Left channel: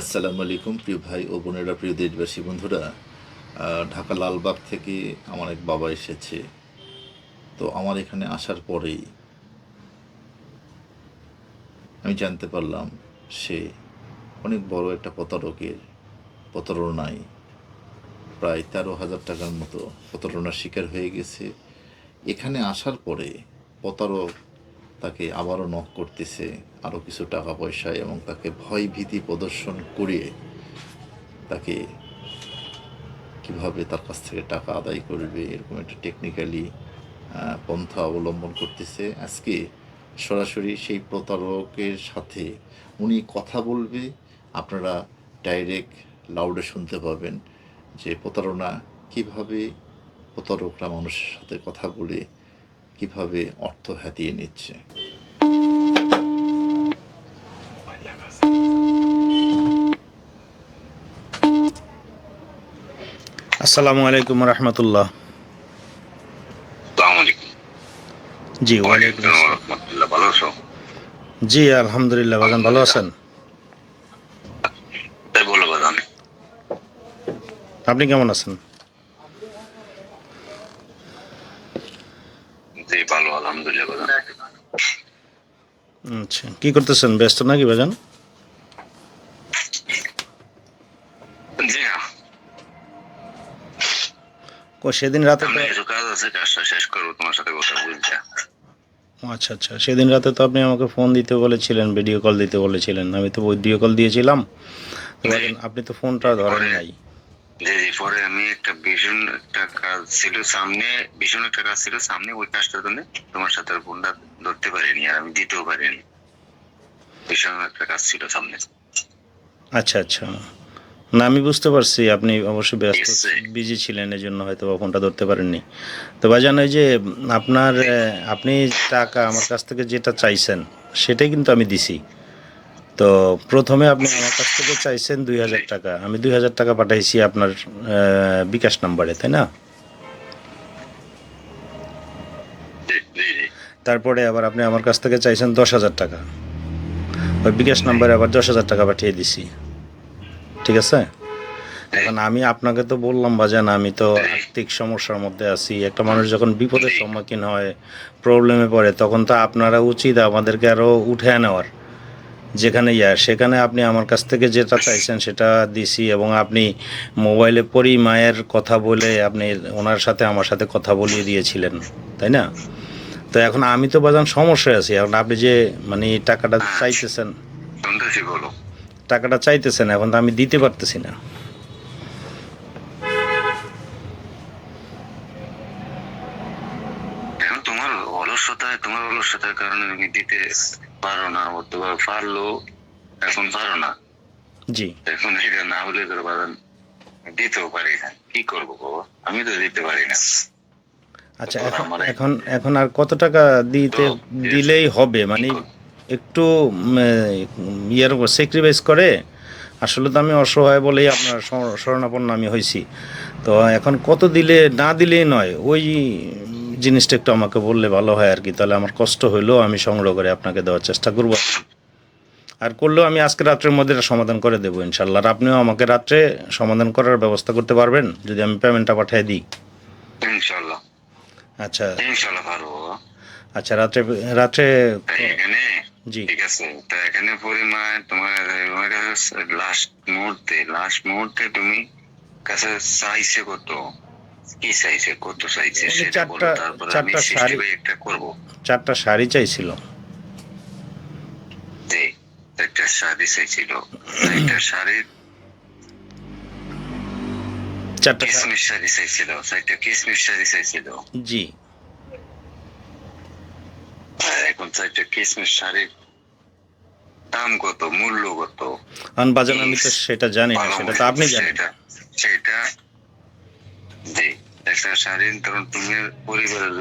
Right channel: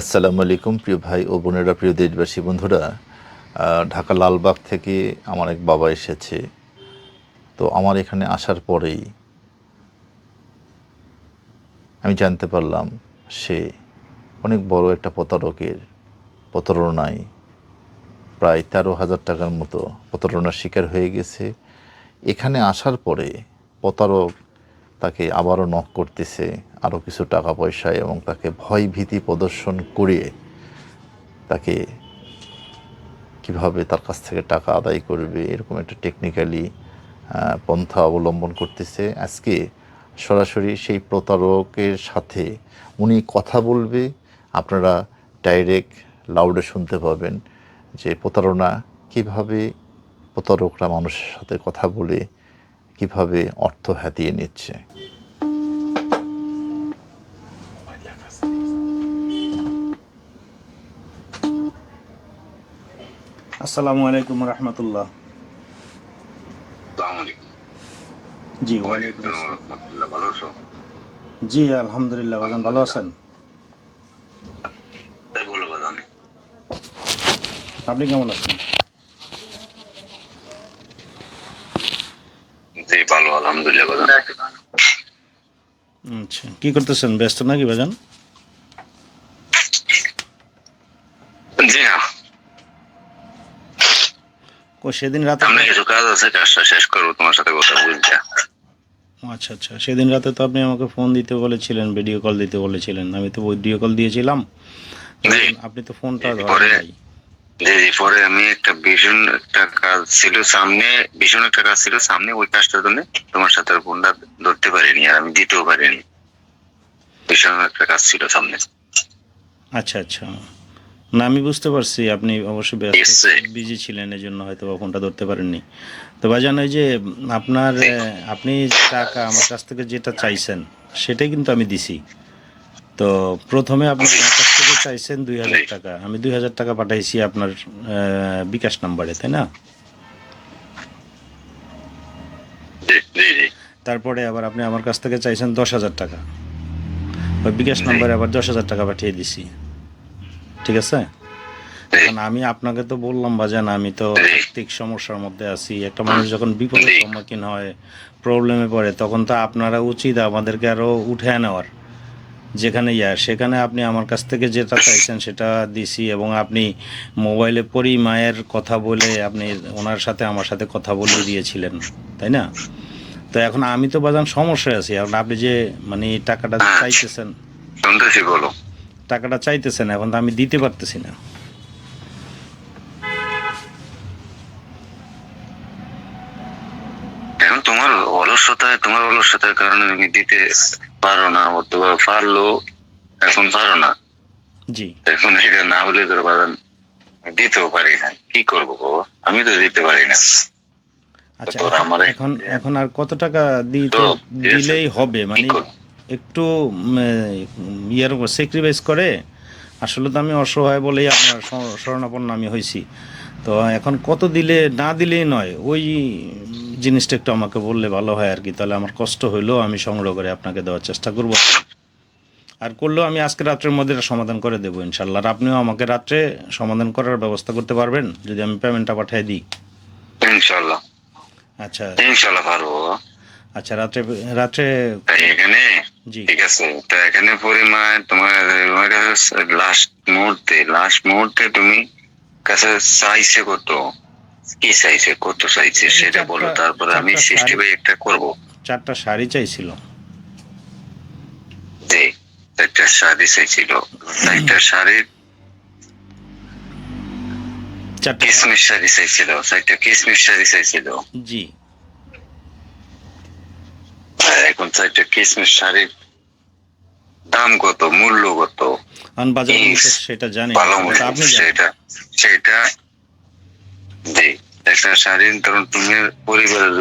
আসসালামু আলাইকুম, প্রিয় ভাই ও বোনেরা, প্রিয় দেশবাসী, বন্ধুরা। ঢাকা লালবাগ থেকে আমার এক বাবা এসেছে। তো আমার এখানে আসার পরেই আমি জানতে পারলাম, সে অনেক বড় একটা প্রতারকের প্রতারণায় প্রায় তেরো হাজার টাকার মতো প্রতারণার শিকার হয়ে গেছে। এখানে আসার পরে প্রতারক তাকে আবারও নক করতেছে, আরও কিছু টাকা পয়সা এবং তাকে ভয় ভীতি প্রদর্শন করে তাকে কীভাবে তার কাছ থেকে টাকা আদায় করবে, এরকম একটা টেকনিক্যালি পন্থা অবলম্বন করতেছে। আজকে সরাসরি সেই প্রতারকের সাথে উনি কথা বলবে। আপনারা ডাইরেক্ট লাউডে শুনতে পাবেন যে প্রতারণা কীভাবে প্রতারকরা মানুষের সাথে কথা বলে কীভাবে অর্থ হাতিয়ে নিচ্ছে। আসসালামু আলাইকুম রহমতুল্লাহ। জি ওয়ালাইকুম জি আলহামদুলিল্লাহ বাজান ভালো আছেন। আপনি কেমন আছেন জি ভালো আলহামদুলিল্লাহ বাদান আচ্ছা কি করতেছেন? ব্যস্ত নাকি ও সেদিন রাতে কিছু কাজ আছে কাজটা শেষ করব তোমার সাথে কথা বলছি। আচ্ছা আচ্ছা। সেদিন রাতে তো আপনি আমাকে ফোন দিতে বলেছিলেন ভিডিও কল দিতে বলেছিলেন। আমি তো ভিডিও কল দিয়েছিলাম। আপনি তো ফোনটা ধরেন নাই। জি জি পরে আমি একটা ভীষণ একটা কাজ ছিল সামনে ভীষণ একটা কাজ ছিল সামনে ওই কাজটার জন্য তোমার সাথে ফোনটা ধরতে পারিনি আর আমি দিতেও পারিনি। ভীষণ একটা কাজ ছিল সামনে। আচ্ছা আচ্ছা। না আমি বুঝতে পারছি আপনি অবশ্যই ব্যস্ত বিজি ছিলেন এই জন্য হয়তো বা ফোনটা ধরতে পারেননি। তো ভাইজান ওই যে আপনার আপনি টাকা আমার কাছ থেকে যেটা চাইছেন সেটাই কিন্তু আমি দিছি। তো প্রথমে আপনি আমার কাছ থেকে চাইছেন দুই হাজার টাকা। আমি দুই হাজার টাকা পাঠাইছি আপনার বিকাশ নাম্বারে তাই না? তারপরে আবার আপনি আমার কাছ থেকে চাইছেন দশ হাজার টাকা। বিকাশ নাম্বারে আবার দশ হাজার টাকা পাঠিয়ে দিছি। ঠিক আছে? এখন আমি আপনাকে তো বললাম বাজান আমি তো আর্থিক সমস্যার মধ্যে আছি। একটা মানুষ যখন বিপদের সম্মুখীন হয় প্রবলেমে পড়ে তখন তো আপনারা উচিত আমাদেরকে আরও উঠে নেওয়ার। যেখানে ইয়া সেখানে আপনি আমার কাছ থেকে যেটা চাইছেন সেটা দিছি এবং আপনি মোবাইলে পরি মায়ের কথা বলে আপনি ওনার সাথে আমার সাথে কথা বলিয়ে দিয়েছিলেন তাই না? তো এখন আমি তো বাজান সমস্যায় আছি। এখন আপনি যে মানে টাকাটা চাইতেছেন। শুনতেছি বলো। টাকাটা চাইতেছেন এখন তো আমি দিতে পারতেছি না। এখন তোমার অলসতায় তোমার অলসতার কারণে তুমি দিতে পারো না অথবা পারল এখন পারো না। জি। এখন এটা না হলে তোর বাগান দিতেও পারি না। কি করব আমি তো দিতে পারি না। আচ্ছা এখন- আমারে- এখন এখন আর কত টাকা দিতে দিলেই হবে? মানে একটু ইয়ের স্যাক্রিফাইস করে? আসলে তো আমি অসহায় বলেই আপনার শর- শরণাপন্ন আমি হয়েছি। তো এখন কত দিলে না দিলেই নয় ওই জিনিসটা একটু আমাকে বললে ভালো হয় আর কি। তাহলে আমার কষ্ট হইলেও আমি সংগ্রহ করে আপনাকে দেওয়ার চেষ্টা করব। আর করলেও আমি আজকে রাত্রের মধ্যে সমাধান করে দেবো ইনশাল্লাহ। আর আপনিও আমাকে রাত্রে সমাধান করার ব্যবস্থা করতে পারবেন যদি আমি পেমেন্টটা পাঠিয়ে দিই। ইনশাল্লাহ। আচ্ছা। ইনশাল্লাহ পারব। আচ্ছা রাত্রে রাত্রে এখানে? জি। ঠিক আছে তা এখানে পরিমাণ তোমার লাস্ট মুহূর্তে লাস্ট মুহূর্তে তুমি কাছে চাইছে কত কি চাইছে কত চাইছে সেটা বলো তারপরে আমি সিক্সটি একটা করব। চারটা শাড়ি চাইছিল। যে একটা শাড়ি চাইছিল। একটা শাড়ি চারটা শা- কিসমিস শাড়ি চাইছিল একটা কিসমিস শাড়ি চাইছিল জি। এখন চারটা কিসমিস শাড়ির দাম কত মূল্য কত? আন বাজার আমি সেটা জানি সেটা আপনি সেটা সেটা জি একটা শাড়ি ধরুন তুমি পরিবারের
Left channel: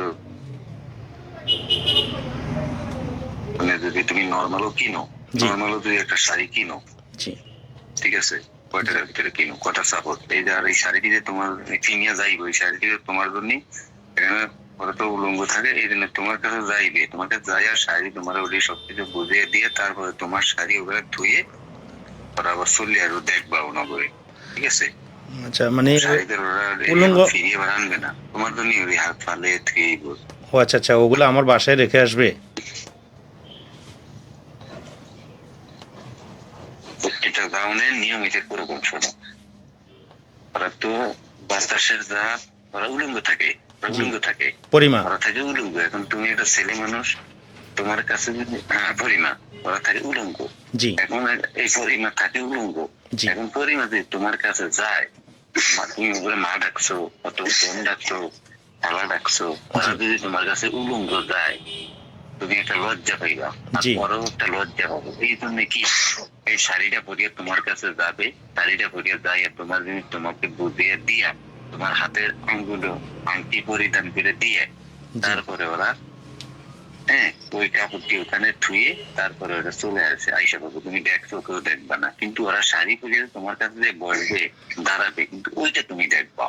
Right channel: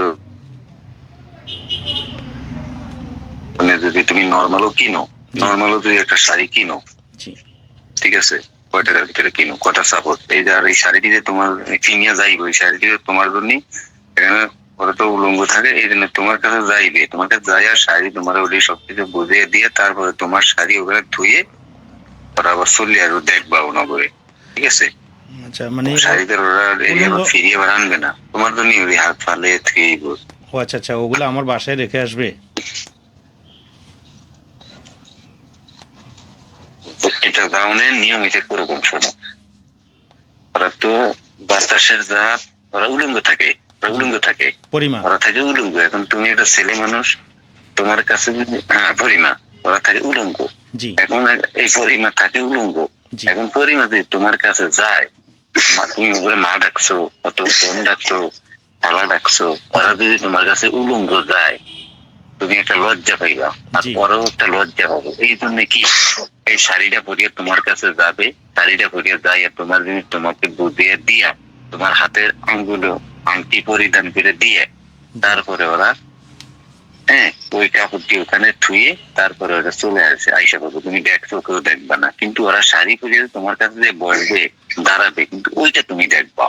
মানে যদি তুমি নর্মালও কিনো। নর্মালও যদি একটা শাড়ি কিনো ঠিক আছে? কয় টাকার ভিতরে কিনো কটা সাপোর্ট এই আর এই শাড়িটি যে তোমার কিনিয়া যাইবে ওই শাড়িটি যে তোমার জন্য এখানে ওরা তো উলঙ্গ থাকে এই জন্য তোমার কাছে যাইবে। তোমার কাছে যাই আর শাড়ি তোমার ওটি সবকিছু বুঝিয়ে দিয়ে তারপরে তোমার শাড়ি ওখানে ধুয়ে ওরা আবার চলে আর দেখবাও না করে ঠিক আছে? আচ্ছা মানে শাড়িদের ওরা ফিরিয়ে আবার আনবে না। তোমার জন্য ওই হাত ফালে বল ও আচ্ছা আচ্ছা ওগুলো আমার বাসায় রেখে আসবে? প্রত্যেকটা গাউনের নিয়ম এটা কোরকম শোনো। ওরা তো বাতাসের জাত ওরা উলঙ্গ থাকে উলঙ্গ থাকে। পরিমা। ওরা থাকে উলঙ্গ। এখন তুমি একটা ছেলে মানুষ তোমার কাছে যদি হ্যাঁ পরিমা। ওরা থাকে উলঙ্গ। এখন এই পরিমা থাকে উলঙ্গ। এখন পরিমা যদি তোমার কাছে যায় মা- তুমি ওপরে মা ডাকছো অত বোন ডাকছো খালা ডাকছো ওরা যদি তোমার কাছে উলঙ্গ যায় তুমি একটা লজ্জা পাইবা আর। পরেও একটা লজ্জা পাবো। এই জন্য কি এই শাড়িটা পরিয়ে তোমার কাছে যাবে? শাড়িটা পরিয়ে যাই আর তোমার জিনিস তোমাকে বুঝিয়ে দিয়া তোমার হাতের আঙ্গুলো আংটি পরিধান করে দিয়ে তারপরে ওরা হ্যাঁ ওই কাপড়টি ওখানে থুয়ে তারপরে ওরা চলে আসে। আইসা পাবো তুমি দেখছ কেউ দেখবা না। কিন্তু ওরা শাড়ি পরিয়ে তোমার কাছে যে বসবে দাঁড়াবে কিন্তু ওইটা তুমি দেখবা।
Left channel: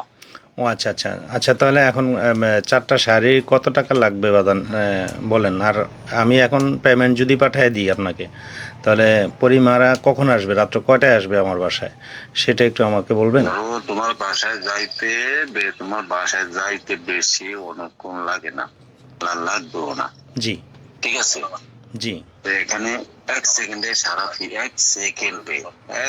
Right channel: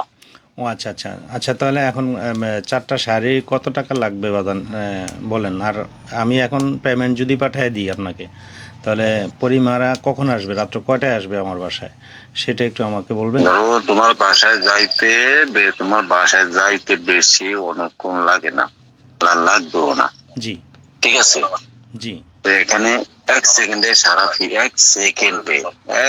ও আচ্ছা আচ্ছা। আচ্ছা তাহলে এখন চারটা শাড়ি কত টাকা লাগবে বাদান? বলেন। আর আমি এখন পেমেন্ট যদি পাঠিয়ে দিই আপনাকে তাহলে পরিমারা কখন আসবে? রাত্র কয়টায় আসবে আমার বাসায়? সেটা একটু আমাকে বলবেন? ধরো তোমার বাসায় যাইতে তোমার বাসায় যাইতে বেশি অনেকক্ষণ লাগে না লাগবেও না। জি। ঠিক আছে? জি। তো এখানে এক সেকেন্ডে সারা ফি এক সেকেন্ডে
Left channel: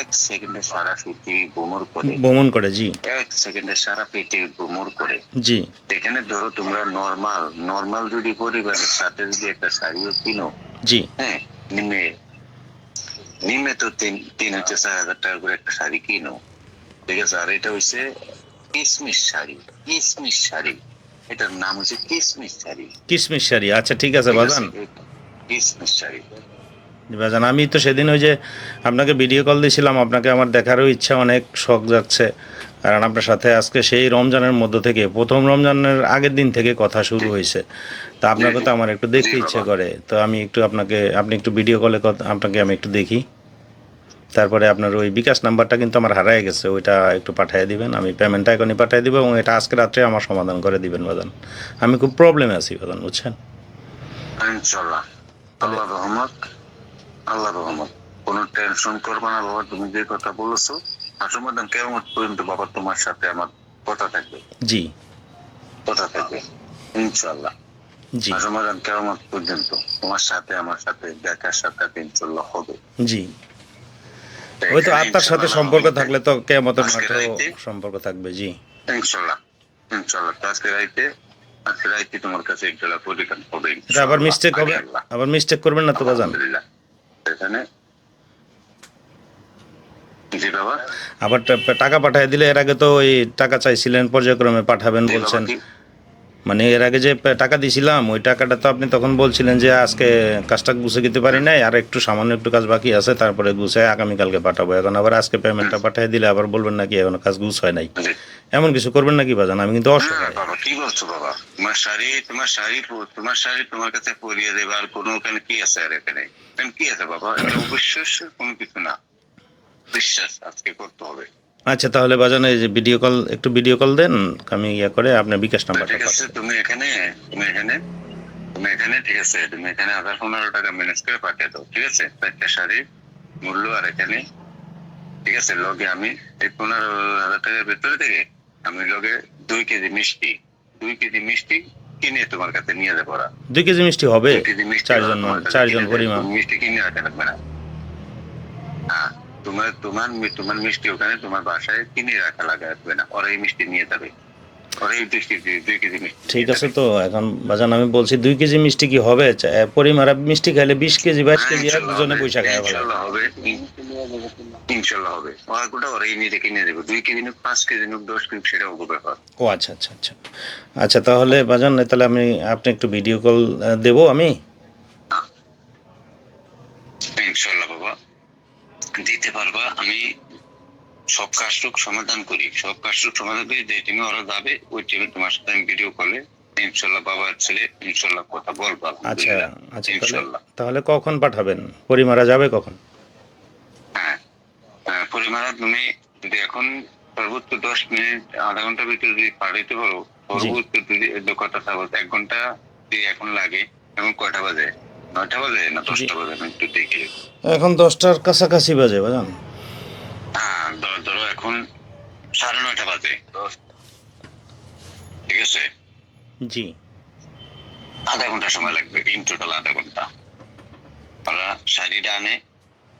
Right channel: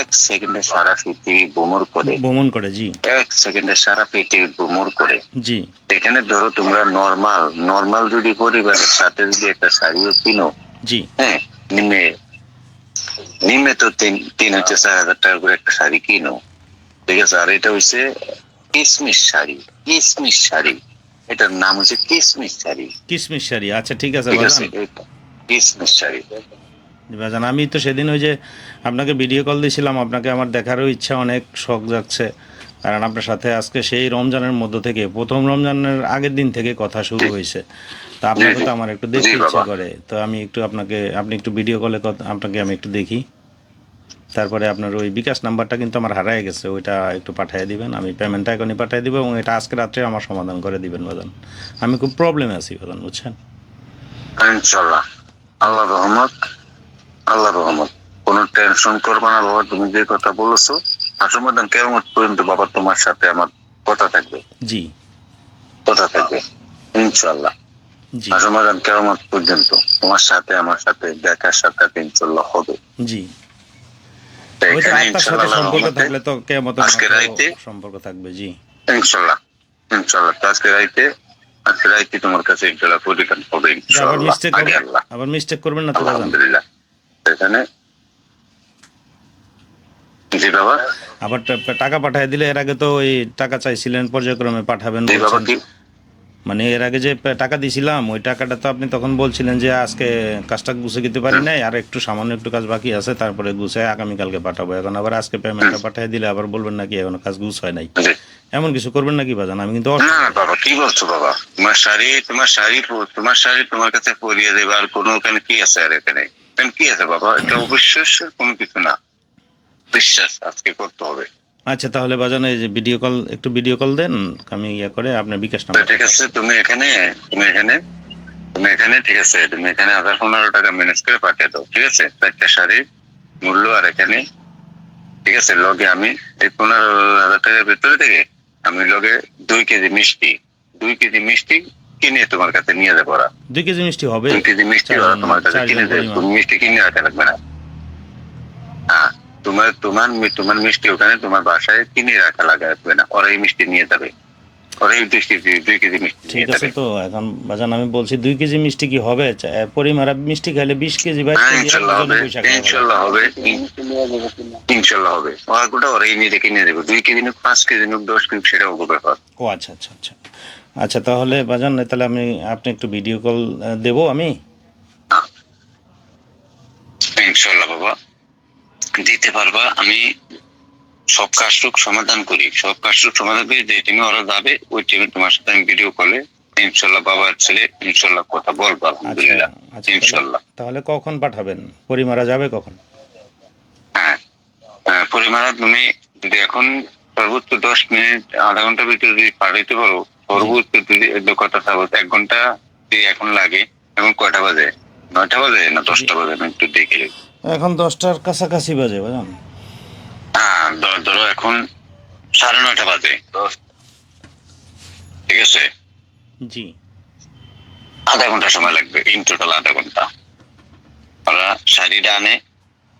এক সেকেন্ডে সারা পৃথিবী ভ্রমণ করে। ভ্রমণ করে জি। এক সেকেন্ডে সারা পৃথিবী ভ্রমণ করে। জি। এখানে ধরো তোমরা নর্মাল নর্মাল যদি পরিবারের সাথে যদি একটা শাড়িও কিনো জি। হ্যাঁ নিম্নে নিম্নে তো তিন তিন হচ্ছে চার হাজার টাকা করে একটা শাড়ি কিনো। ঠিক আছে? আর এটা হচ্ছে কিসমিস শাড়ি কিসমিস শাড়ি। এটার নাম হচ্ছে কিসমিস শাড়ি। কিসমিস শাড়ি আচ্ছা ঠিক আছে বাজান। বাজান আমি তো সেদিন ওই যে আপনাকে ভিডিও কল দিয়েছিলাম আপনাকে আমার দেখারও ইচ্ছা অনেক শখ যাচ্ছে কারণ আপনার সাথে আজকে সেই রমজানের মধ্য থেকে প্রথম রমজানের আগের দিন থেকে কথা শুরু হয়েছে। তা আপনাকে তো আমার একটু দেখতে ইচ্ছা করে। তো আমি একটু আপনাকে আপনি একটু ভিডিও কলে আপনাকে আমি একটু দেখি। তারপরে আপনার ওই বিকাশ নাম্বারটা কিন্তু আমার হারায় গেছে ওইটা একটু পাঠিয়ে দিবেন। আমি পেমেন্টটা এখনই পাঠিয়ে দিব এবং এটা আজকে রাত্রে আমার সমাধান করে দিবেন বাদান আমি খুব প্রবলেমে আছি বাদান বুঝছেন? ইনশাল্লাহ আল্লাহ রহমত আল্লাহ রহমত। কোনো টেনশন করবে না বাবা তুমি যে কথা বলেছ আসমাদান কেমন পর্যন্ত বাবা তোমার সাথে আমার কথা থাকবে। জি। কথা থাকবে ইনশাল্লাহ আসমাদান কেমন পর্যন্ত তোমার সাথে আমার সাথে দেখার সাথে ইনশাল্লাহ হবে। জি। আত্মার সাথে সম্পর্ক থাকলে তো আজকে সম্পর্ক থাকবে জি। ইনশাল্লাহ ইনশাল্লাহ আজকে রাইতে আজকে রাইতে তোমার কাছে ইনশাল্লাহ পরিকান হবে আবার মিস্টেক হবে? আবার মিস্টেক করবেন না তো বাজান এখানে? জি বাবা। আবার টাকা পাঠিয়ে দিলে এর আগে তো ওই টাকা চাইছিলেন পর্যায়ক্রমে পাঠাবেন বলছেন। মানে এর আগে যে টাকা দিছিলাম ওই টাকাটা তো আপনি তখন বলছিলেন যে আজকে কাজটা গুছে দিতে পারি নাই আর একটু সামান্য একটু কাজ বাকি আছে তারপরে গুছে আগামীকালকে পাঠাবো। এখন আবার আজকে পেমেন্টটা পাঠিয়ে দিলে আবার বলবেন নাকি এখন কাজ গুছ হয় নাই। এমন কিছু করবেন নাকি বাজান? আমি কিন্তু অসুস্থ। না বাবা কি বলছো বাবা? তোমার শাড়ি তোমার শাড়ি তোমার শাড়ি তোমার কাছে পরিয়ে দেবে আর কোনো ওখানে কি আছে আর এখানে? কি আছে বাবা? এটা অবিশ্বাস কোনো কিছু না। বিশ্বাস আজকে করতে হবে। আচ্ছা তাহলে বাজান এই যে ভিডিও কল একটু ভিডিও কল দেন আমি ইয়া করে আপনার বিকাশ নাম্বার ঠিক আছে তুমি এখানে তুমি এখানে তুমি এখানে ঠিক আছে তুমি এখানে হাজার পনেরো টাকা ম্যানেজ করে পাঠিয়ে দাও ঠিক আছে? চারটা শাড়ির মূল্য আর এখানে ঠিক আছে লগে আমি এই পনেরো হাজার টাকার ভিতরে থেকে আমি লগে দুই কেজি মিষ্টি দুই কেজি মিষ্টি কিনে তোমার কাছে নিয়ে যাব ওরা। দুই কেজি মিষ্টি হবে? দুই কেজি মিষ্টি তোমার কাছে কিনে মিষ্টি কিনে রাখা লাগবে না। হ্যাঁ তোমার তোমার তোমার মিষ্টি ওখানে তোমার বাসায় কিনে রাখা লাগবে না। ওরা এই মিষ্টি নিয়ে যাবে। ঠিক আছে তো এখন বাজান আমি বলছি দুই কেজি মিষ্টি কি হবে? পরিমারা মিষ্টি খাইলে বিশ কেজি বাইশ হ্যাঁ, কেজি পয়সা ইনশাল্লাহ হবে। ইনশাল্লাহ হবে। নিজে কিনে দেবে। দুই কেজি পাঁচ কেজি দশ কেজি সেটা ব্যাপার। ও আচ্ছা আচ্ছা আচ্ছা। আচ্ছা তাহলে বাজান তাহলে আমি আপনি একটু ভিডিও কল দেবো আমি? ইনশাল্লাহ বাবা। দিতে পারবা। আমি সব কাজটুক সমাধান করি। সব কাজটুক সমাধান করি যে টিমে ওরা যাবে ওই টিমে তোমার সাথে আমি ভিডিও কলে ইনশাল্লাহ বাবার ছেলে ইনশাল্লাহ কথা বলব আচ্ছা আলহামদুলিল্লাহ আচ্ছা ইনশাল্লাহ। তাহলে কখন পাঠাবেন? পরিমারা যাবে কখন? হ্যাঁ হ্যাঁ, পরিমাণা তুমি যদি এখন সর্বোচ্চ দশ মিনিট আধা ঘণ্টার ভিতরে যদি পাঠাইতে পারো সর্বোচ্চ যদি কথা থাকো এক ঘণ্টা যদি এখন লাগে এখন কয়টা বাজে? নয়টা বাজে না দশটা বাজে? আমি একটু দেখি এখন দশটার কাছাকাছি বাজে বাজান। ধরো ধরো এখন সাড়ে নয়টা বাজে। ঠিক আছে? জি। আধা ঘণ্টা সময় লাগবে ইন টোটাল আধা ঘণ্টা। ওরা শাড়িটা আনে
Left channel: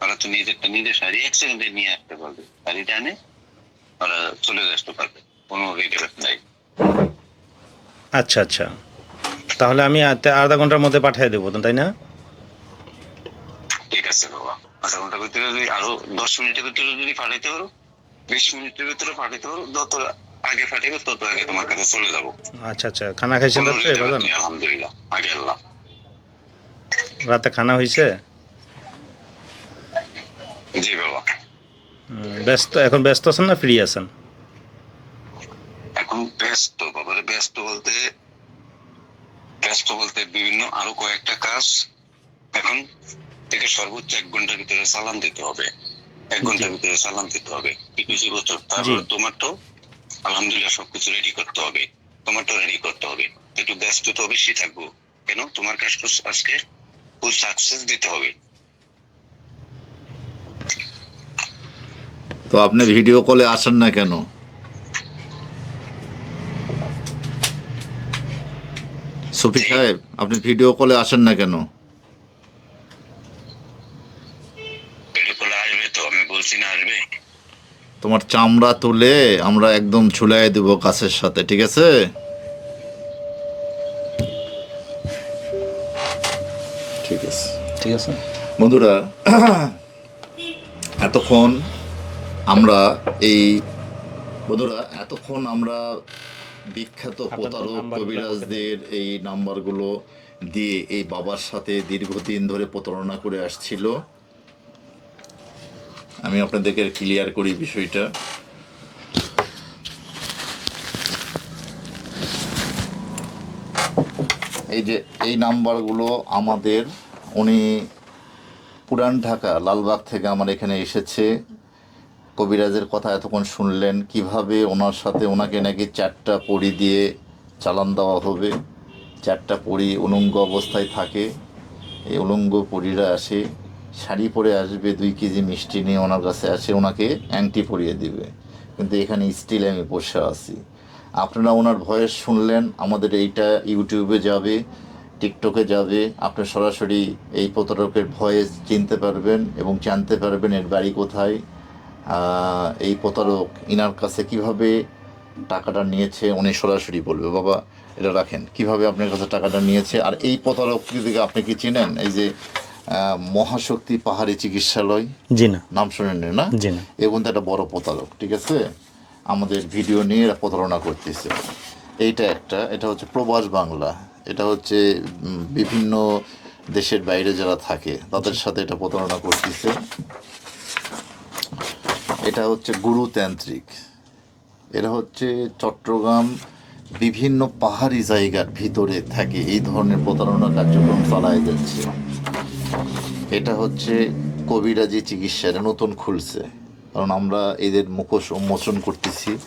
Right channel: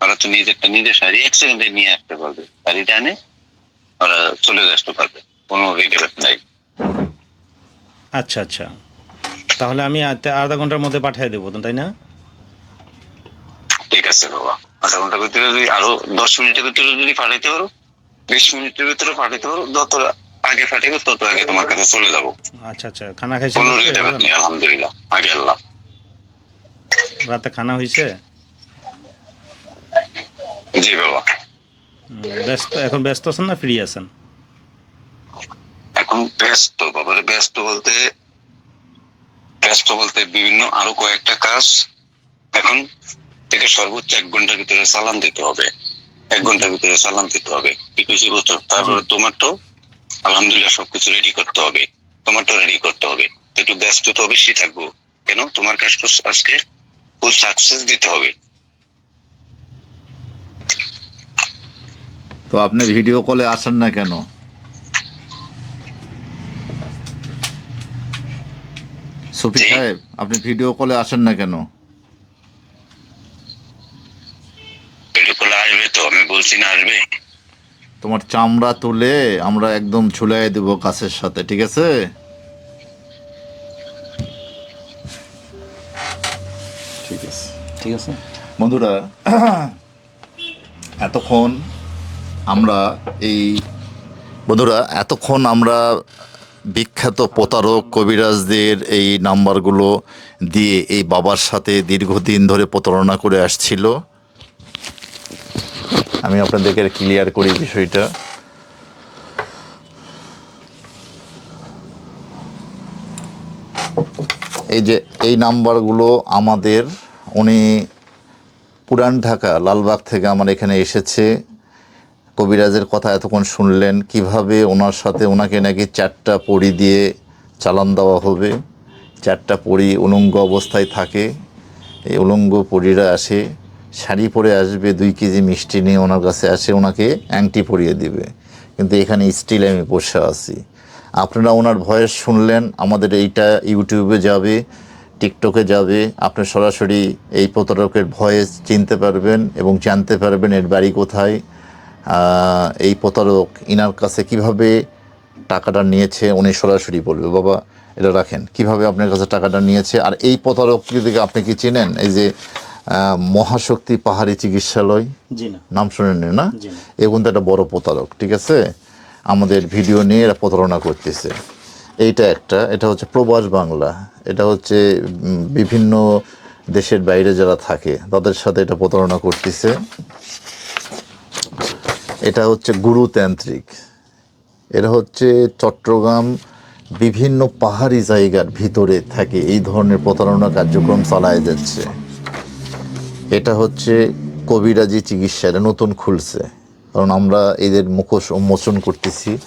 ওরা তো নিজেরটা নিজের শাড়ি এক সেকেন্ডে নিয়ে আসতে পারবে। শাড়িটা আনে ওরা চলে আসতে পারবে কোনো রিটেল নাই। আচ্ছা আচ্ছা। তাহলে আমি আধা- আধা ঘণ্টার মধ্যে পাঠিয়ে দেবো তাই না? ঠিক আছে বাবা। আধা ঘণ্টার ভিতরে যদি আরও দশ মিনিটের ভিতরে যদি পাঠাইতে পারো বিশ মিনিটের ভিতরে পাঠাইতে পারো যত আগে পাঠাবে তত আগে তোমার কাছে চলে যাব। আচ্ছা আচ্ছা খানা? নেই আলহামদুলিল্লাহ আগে আল্লাহ। রাতে খানা হয়েছে জি বাবা। ব্যস্ত এখন ব্যস্ত আছেন না ফ্রি আছেন? এখন ব্যস্ত বাবারে ব্যস্ত বলতে ব্যস্ত বলতে বিভিন্ন আরও কয়েকটা কাজ এখন থেকে সর্বোচ্চ এক ঘণ্টার ভিতরে চালান দিতে হবে। এক ঘণ্টার ভিতরে চালান দিতে হবে। কিছু বছর তারপরে তোমার তো আলহামদুলিল্লাহ সবকিছু রেডি করতে হবে। তোমার তো রেডি করতে হবে। একটু ব্যস্ত তো অবশ্যই থাকব। কেন? তোমার কাজ তো আজকে ফুল সাকসেস দিতে হবে। তো আপনি ভিডিও কলে আসেন না কেন? সুফি। সাহেব আপনি ভিডিও কলে আসেন না কেন ভিডিও কলে আসবে আসবে তোমার চামড়া তুলে আমরা একদম ঝুলাই দেব গাছের সাথে ঠিক আছে? ঠিক আছে। ঠিক আছে। বন্ধুরা এতক্ষণ আমরা এই বন্ধুরা এতক্ষণ আমরা বিখ্যাত প্রতারক কবিরাজদের এই নাম্বারগুলো দিয়ে এই বাবার সাথে দীর্ঘদিন ধরে প্রতারণা করে আসছিল। আমি আপনাদেরকে ক্লিয়ার করি বিষয়টা। এই যে এই নাম্বারগুলো আমাদের, উনি পুরান ঢাকা, লালবাগ থেকে আমার এখানে এসেছে। কবিরাজের কথা এতক্ষণ শুনলেন, কীভাবে ওনার সাথে ওনাকে নাকি চারটা পড়ি দিয়ে চালান দেওয়া হবে। চারটা পড়ি উলঙ্গ অবস্থায় থাকে, এই উলঙ্গ পরীরা আসে। শাড়ি পরে আসবে, দুই কেজি মিষ্টি নিয়ে ওনার কাছে আসে, ওনাকে অ্যাংটি পরিয়ে দিবে। কিন্তু এখানে স্টিল আমি বসে আছি। আপনারা ওনার ভয়েস শুনলেন, আমাদের এইটা ইউটিউবে যাবে টিকটকে যাবে, আপনি সরাসরি এই প্রতারকের ভয়েস চিনতে পারবেন এবং জানতে পারবেন এর বাড়ি কোথায়। এই প্রতারক ইনার কাছে কীভাবে টাকাটা নিয়েছে, উনি সরাসরি বলবে। বাবা, এটা রাখেন। কীভাবে আপনার কাছে টাকাটা নিয়েছে? আর এই প্রতারক দিকে আপনি কি চিনেন? এই যে মহাশক্তি পাহাড়ি চিকিৎসালয়। জি না। নাম শুনেন না জি না। এ কিন্তু একটা বড় প্রতারক ঠিক আছে? আমাদের ভিডিও নিয়ে এরা প্রতারণা করতেছে। এইটা একটা এটা হচ্ছে প্রবাস বাংলা। এটা হচ্ছে বিভিন্ন দেশের বাইরে যারা থাকে তাদের সাথে এটা প্রতারণা করতেছে। এটা হচ্ছে গুরুতান্ত্রিক এরা হচ্ছে চট্টগ্রাম বিভিন্ন পাহাড়ি জায়গার ভিতরে থাকে। এই ধরনের প্রতারণা কার্যক্রম চালায় যাচ্ছে। এটা হচ্ছে কবিরাজি চিকিৎসা এটা নতুন খুলছে। কারণ আমরা এদের মুখোশ উন্মোচন করতেছি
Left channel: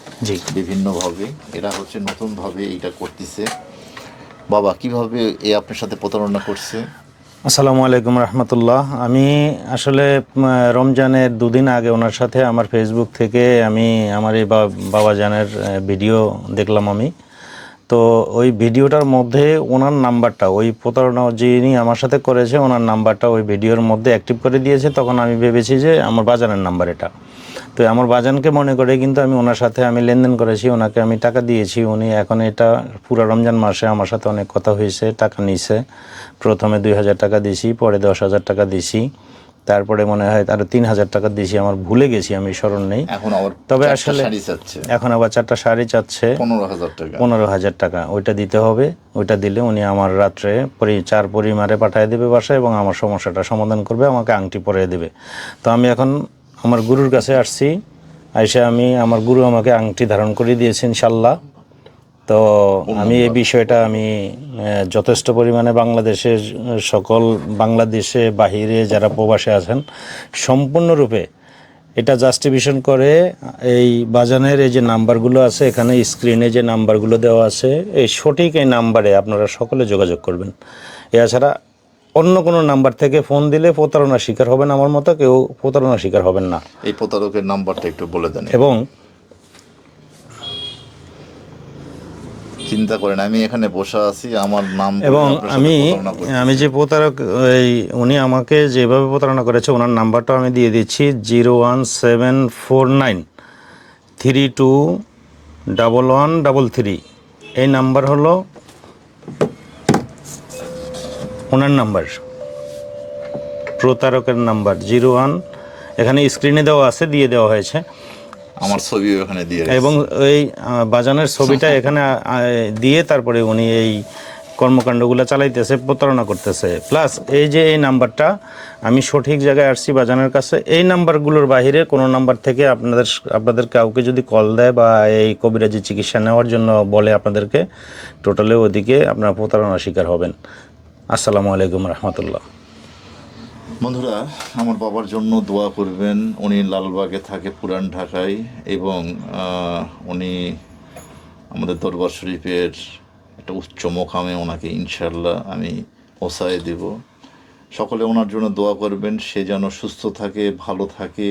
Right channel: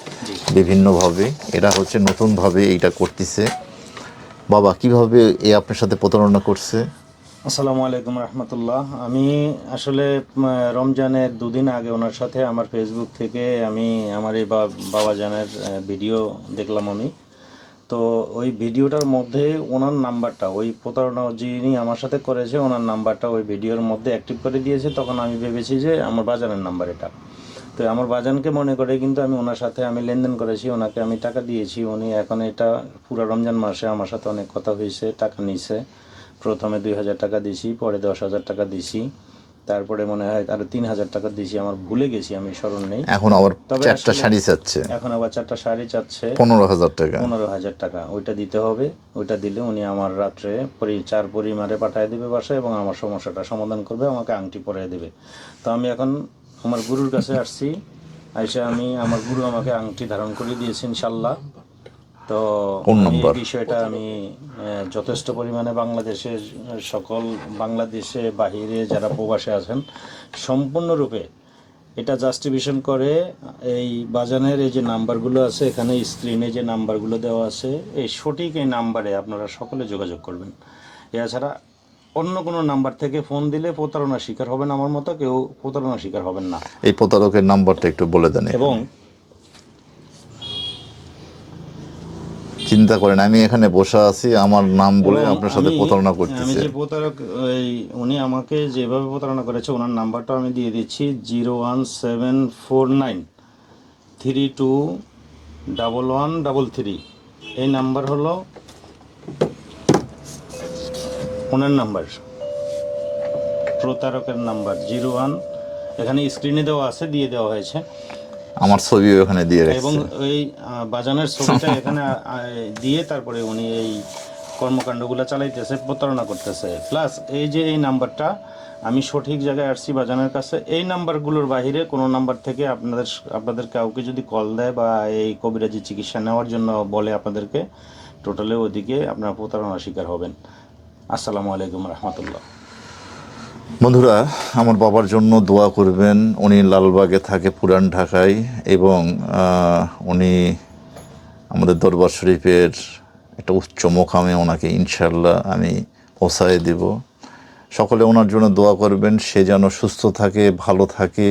বিভিন্নভাবে। এরা হচ্ছে নতুনভাবে এইটা করতেছে। বাবা কীভাবে এ আপনার সাথে প্রতারণা করছে? আসসালামু আলাইকুম রহমতুল্লাহ। আমি আসলে রমজানের দুদিন আগে ওনার সাথে আমার ফেসবুক থেকে আমি আমার এই বা- বাবাজানের আহ, ভিডিও দেখলাম আমি। তো ওই ভিডিওটার মধ্যে ওনার নাম্বারটা, ওই প্রতারণা যিনি আমার সাথে করেছে, ওনার নাম্বারটা ওই ভিডিওর মধ্যে অ্যাক্টিভ করে দিয়েছে। তখন আমি ভেবেছি যে আমার বাজানের নাম্বার এটা। তো আমার বাজানকে মনে করে কিন্তু আমি ওনার সাথে আমি লেনদেন করেছি, ওনাকে আমি টাকা দিয়েছি। উনি এখন এটা পুরো রমজান মাসে আমার সাথে অনেক কথা হয়েছে, টাকা নিছে। প্রথমে দুই হাজার টাকা দিছি, পরে দশ হাজার টাকা দিছি। তারপরে মনে হয় আরও তিন হাজার টাকা দিয়েছি আমার ভুলে গেছি আমি স্মরণ নেই। এখন আবার তবে শাড়ি চাচ্ছে। এখন আবার চারটা শাড়ি চাচ্ছে। পনেরো হাজার টাকা। পনেরো হাজার টাকা ওইটা দিতে হবে ওইটা দিলে উনি আমার রাত্রে পরি চার পরিমারে পাঠিয়ে দেবে বাসায় এবং আমার সমস্যাটা সমাধান করবে আমাকে আংটি পরিয়ে দেবে। তো আমি এখন আমার গুরুর কাছে আসছি আইসা আমি আমার গুরু আমাকে আংটি ধারণ করে দিয়েছে ইনশাল্লাহ। তো আমি এই বিষয়টা আমি যথেষ্ট পরিমাণে বাংলাদেশের সকল বাংলাদেশে বাহিরে যারা প্রবাসে আছেন সম্পূর্ণরূপে এটা জাস্টিফিকেশন করে এই বাজানের এই যে নাম্বারগুলো আছে এখানে স্ক্রিনে যে নাম্বারগুলো দেওয়া আছে এই সঠিক এই নাম্বারে আপনারা সকলে যোগাযোগ করবেন। এছাড়া অন্য কোনো নাম্বার থেকে ফোন দিলে প্রতারণার শিকার হবেন আমার মতো কেউ প্রতারণার শিকার হবেন না। এই প্রতারকের নাম্বারটা একটু বলে দেন। এবং চিন্তা করেন আমি এখানে বসে আছি আমার নাম এবং আমি আমি যে প্রতারক এই উনি আমাকে যেভাবে প্রতারণা করেছে ওনার নাম্বারটা আমি দিয়ে দিচ্ছি zero one seven four nine three two double one double three. এই নাম্বার হলো ওনার নাম্বার প্রতারকের নাম্বার জিরো ওয়ান। এখানে স্ক্রিনে দেওয়া আছে দিয়ে দেওয়া হয়েছে। আমার ছবি ওখানে দিয়ে এবং এই আহ, বাজানের ছবিটা এখানে দিয়ে তারপরে উনি এই কর্মকাণ্ডগুলো চালাইতেছে প্রতারণা করতেছে। প্লাস এই যে এই নাম্বারটা আমি সঠিক জায়গায় আসছি বাজানের কাছে এই নাম্বারগুলোর বাইরে কোনো নাম্বার থেকে আপনাদের আপনাদের কাউকে যদি কল দেয় বা এই কবিরাজি চিকিৎসা নেওয়ার জন্য বলে আপনাদেরকে টোটালি ওদিকে আপনারা প্রতারণা শিকার হবেন। আসসালামু আলাইকুম রহমতুল্লাহ। বন্ধুরা, আমার বাবার জন্য দোয়া করবেন। উনি লালবাগে থাকে পুরান ঢাকায় এবং উনি আমাদের দরবার শরীফের একটা উচ্চ মোকামে ওনাকে ইনশাল্লাহ আমি পৌঁছায় দেব। সকলে ওনার জন্য দোয়া করবেন, সে যেন সুস্থ থাকে, ভালো থাকে,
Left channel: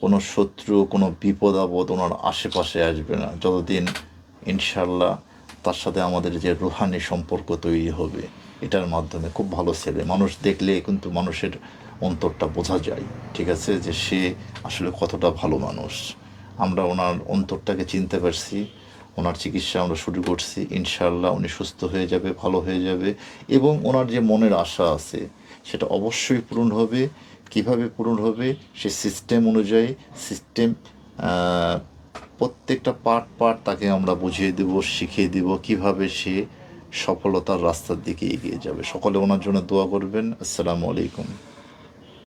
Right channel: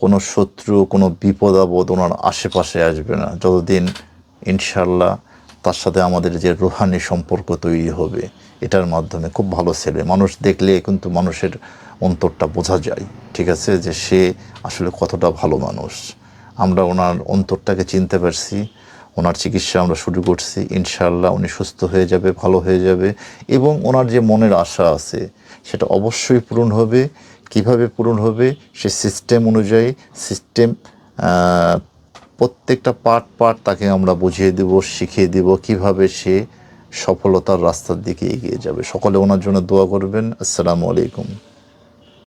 কোনো শত্রু, কোনো বিপদ আপদ ওনার আশেপাশে আসবে না। যতদিন ইনশাল্লাহ তার সাথে আমাদের যে রুহানি সম্পর্ক তৈরি হবে, এটার মাধ্যমে খুব ভালো ছেলে। মানুষ দেখলে কিন্তু মানুষের অন্তরটা বোঝা যায়, ঠিক আছে? যে সে আসলে কতটা ভালো মানুষ। আমরা ওনার অন্তরটাকে চিনতে পারছি, ওনার চিকিৎসা আমরা শুরু করছি, ইনশাআল্লাহ উনি সুস্থ হয়ে যাবে, ভালো হয়ে যাবে। এবং ওনার যে মনের আশা আছে, সেটা অবশ্যই পূরণ হবে। কীভাবে পূরণ হবে? সে সিস্টেম অনুযায়ী সিস্টেম প্রত্যেকটা পার্ট পার্ট তাকে আমরা বুঝিয়ে দেব, শিখিয়ে দেব কীভাবে সে সফলতার রাস্তার দিকে এগিয়ে যাবে। সকলে ওনার জন্য দোয়া করবেন। আসসালামু আলাইকুম।